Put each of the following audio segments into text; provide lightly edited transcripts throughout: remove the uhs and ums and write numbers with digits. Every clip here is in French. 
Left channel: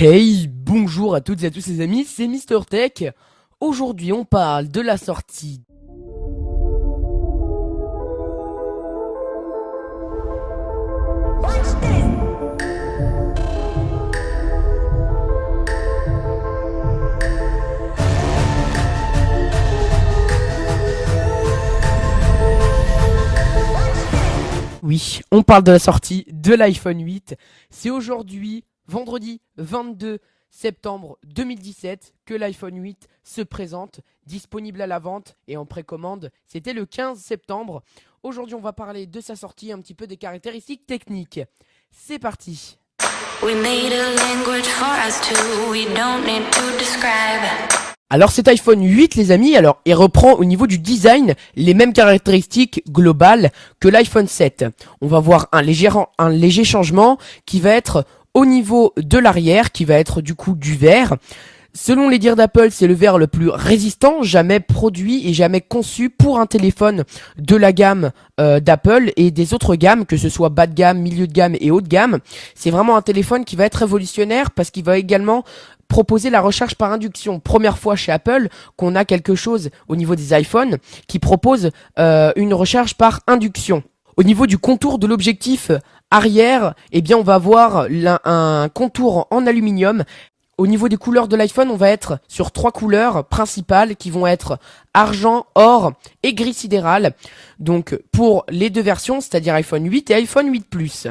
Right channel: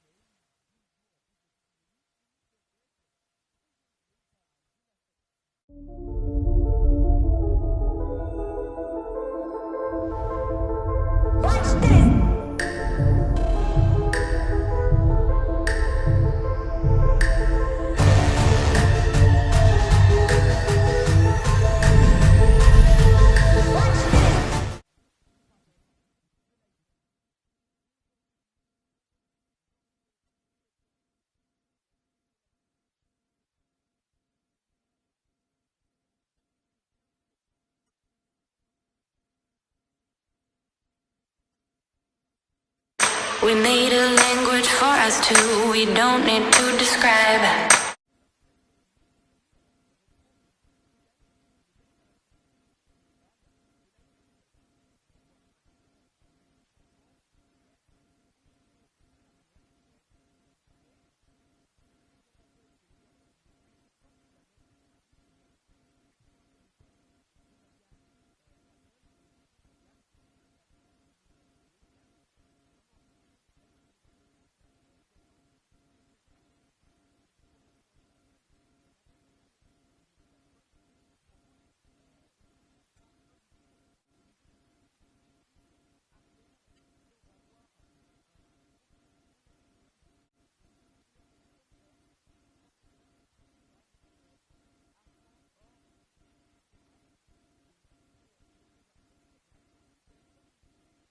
Hey, bonjour à toutes et à tous les amis, c'est Mister Tech. Aujourd'hui, on parle de la sortie. Oui, on parle de la sortie de l'iPhone 8. C'est aujourd'hui, vendredi 22 septembre 2017, que l'iPhone 8 se présente, disponible à la vente et en précommande. C'était le 15 septembre. Aujourd'hui, on va parler de sa sortie, un petit peu des caractéristiques techniques. C'est parti. We made a language for us two, we don't need to describe. Alors cet iPhone 8 les amis, alors il reprend au niveau du design les mêmes caractéristiques globales que l'iPhone 7. On va voir un léger changement qui va être au niveau de l'arrière, qui va être du coup du verre. Selon les dires d'Apple, c'est le verre le plus résistant jamais produit et jamais conçu pour un téléphone de la gamme d'Apple et des autres gammes, que ce soit bas de gamme, milieu de gamme et haut de gamme. C'est vraiment un téléphone qui va être révolutionnaire parce qu'il va également proposer la recharge par induction. Première fois chez Apple qu'on a quelque chose au niveau des iPhones qui propose une recharge par induction. Au niveau du contour de l'objectif arrière, eh bien on va avoir un contour en aluminium. Au niveau des couleurs de l'iPhone, on va être sur 3 couleurs principales qui vont être argent, or et gris sidéral. Donc pour les deux versions, c'est-à-dire iPhone 8 et iPhone 8 Plus.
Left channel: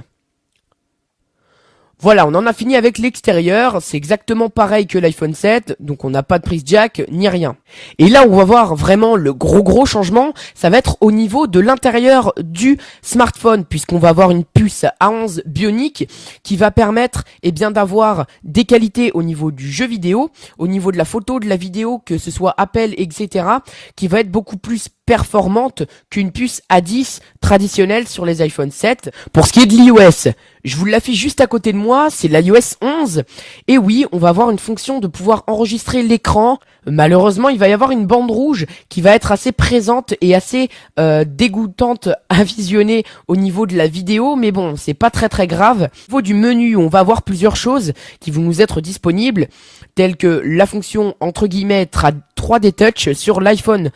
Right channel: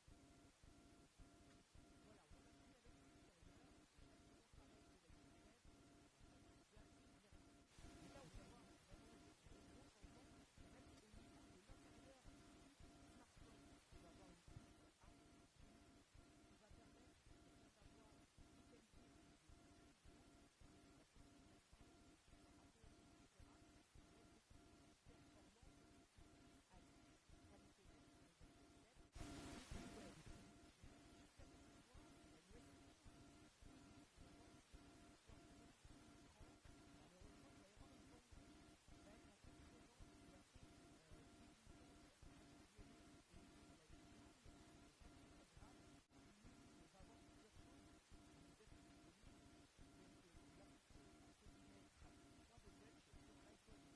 Voilà, on en a fini avec l'extérieur, c'est exactement pareil que l'iPhone 7, donc on n'a pas de prise jack ni rien. Et là où on va voir vraiment le gros changement, ça va être au niveau de l'intérieur du smartphone, puisqu'on va avoir une puce A11 Bionic qui va permettre bien d'avoir des qualités au niveau du jeu vidéo, au niveau de la photo, de la vidéo, que ce soit Apple, etc., qui va être beaucoup plus performante qu'une puce A10 traditionnelle sur les iPhone 7. Pour ce qui est de l'iOS, je vous l'affiche juste à côté de moi, c'est l'iOS 11. Et oui, on va avoir une fonction de pouvoir enregistrer l'écran. Malheureusement, il va y avoir une bande rouge qui va être assez présente et assez dégoûtante à visionner au niveau de la vidéo. Mais bon, c'est pas très grave. Au niveau du menu, on va avoir plusieurs choses qui vont nous être disponibles, telles que la fonction entre guillemets 3D Touch sur l'iPhone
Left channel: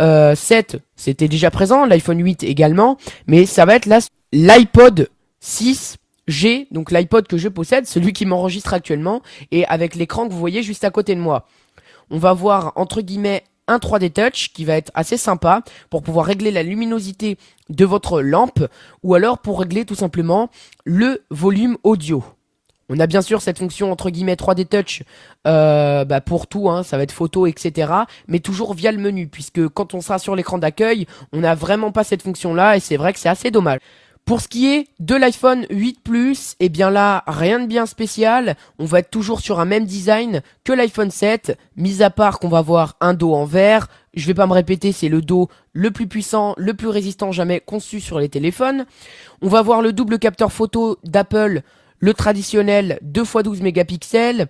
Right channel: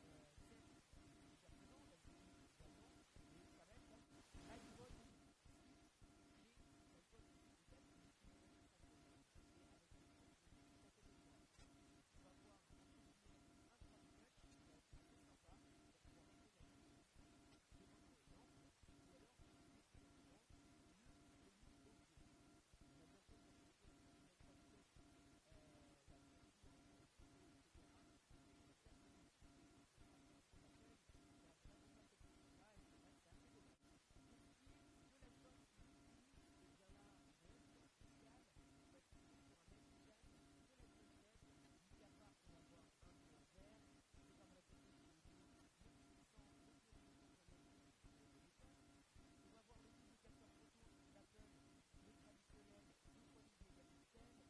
7, c'était déjà présent, l'iPhone 8 également, mais ça va être l'iPod 6G, donc l'iPod que je possède, celui qui m'enregistre actuellement, et avec l'écran que vous voyez juste à côté de moi. On va voir entre guillemets un 3D Touch qui va être assez sympa pour pouvoir régler la luminosité de votre lampe, ou alors pour régler tout simplement le volume audio. On a bien sûr cette fonction entre guillemets 3D Touch pour tout, hein, ça va être photo, etc. Mais toujours via le menu, puisque quand on sera sur l'écran d'accueil, on n'a vraiment pas cette fonction-là, et c'est vrai que c'est assez dommage. Pour ce qui est de l'iPhone 8 Plus, eh bien là, rien de bien spécial. On va être toujours sur un même design que l'iPhone 7, mis à part qu'on va avoir un dos en verre. Je vais pas me répéter, c'est le dos le plus puissant, le plus résistant jamais conçu sur les téléphones. On va avoir le double capteur photo d'Apple, le traditionnel 2x12 mégapixels,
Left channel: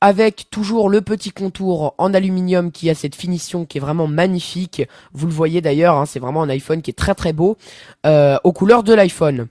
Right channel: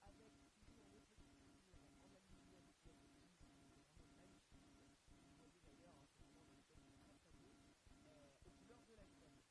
avec toujours le petit contour en aluminium qui a cette finition qui est vraiment magnifique. Vous le voyez d'ailleurs, hein, c'est vraiment un iPhone qui est très beau, aux couleurs de l'iPhone.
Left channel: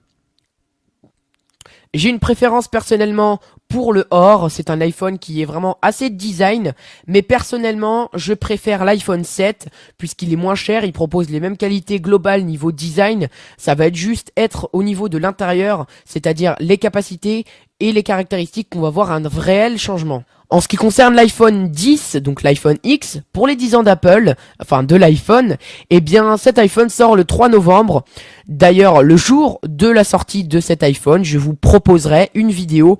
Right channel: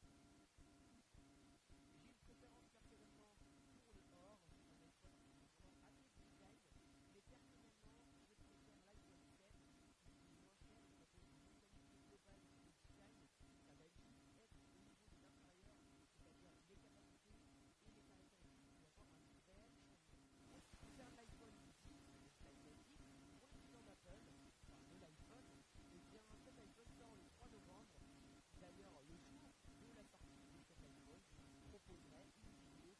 J'ai une préférence personnellement pour le or, c'est un iPhone qui est vraiment assez design, mais personnellement je préfère l'iPhone 7 puisqu'il est moins cher, il propose les mêmes qualités globales niveau design, ça va être juste être au niveau de l'intérieur, c'est-à-dire les capacités et les caractéristiques qu'on va voir un réel changement. En ce qui concerne l'iPhone 10, donc l'iPhone X, pour les 10 ans d'Apple, enfin de l'iPhone, eh bien cet iPhone sort le 3 novembre. D'ailleurs, le jour de la sortie de cet iPhone, je vous proposerai une vidéo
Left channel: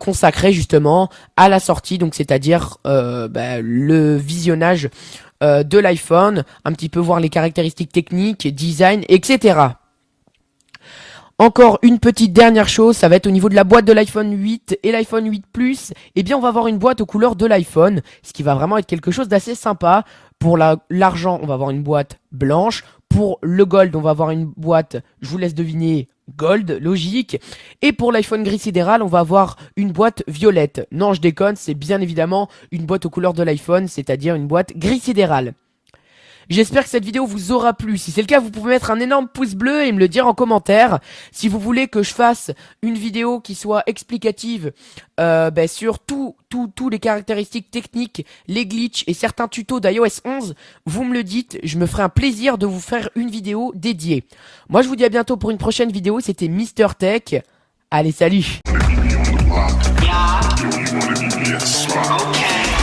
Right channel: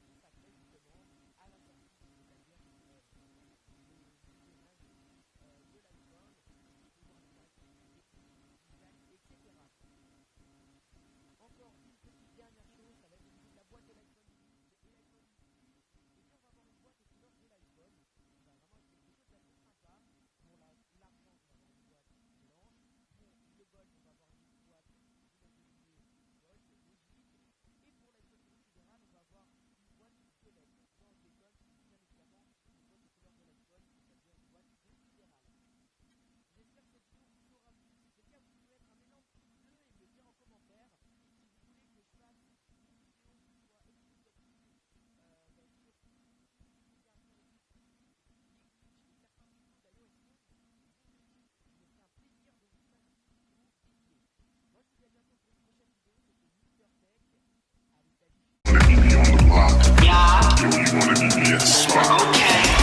consacrée justement à la sortie, donc c'est-à-dire le visionnage de l'iPhone, un petit peu voir les caractéristiques techniques, design, etc. Encore une petite dernière chose, ça va être au niveau de la boîte de l'iPhone 8 et l'iPhone 8 Plus. Eh bien, on va avoir une boîte aux couleurs de l'iPhone, ce qui va vraiment être quelque chose d'assez sympa. Pour l'argent, on va avoir une boîte blanche. Pour le gold, on va avoir une boîte, je vous laisse deviner, gold, logique. Et pour l'iPhone gris sidéral, on va avoir une boîte violette. Non, je déconne, c'est bien évidemment une boîte aux couleurs de l'iPhone, c'est-à-dire une boîte gris sidéral. J'espère que cette vidéo vous aura plu. Si c'est le cas, vous pouvez mettre un énorme pouce bleu et me le dire en commentaire. Si vous voulez que je fasse une vidéo qui soit explicative sur tous les caractéristiques techniques, les glitches et certains tutos d'iOS 11, vous me le dites. Je me ferai un plaisir de vous faire une vidéo dédiée. Moi, je vous dis à bientôt pour une prochaine vidéo. C'était Mister Tech. Allez, salut! Yeah. Yo, you wanna meet me at the spot? Okay.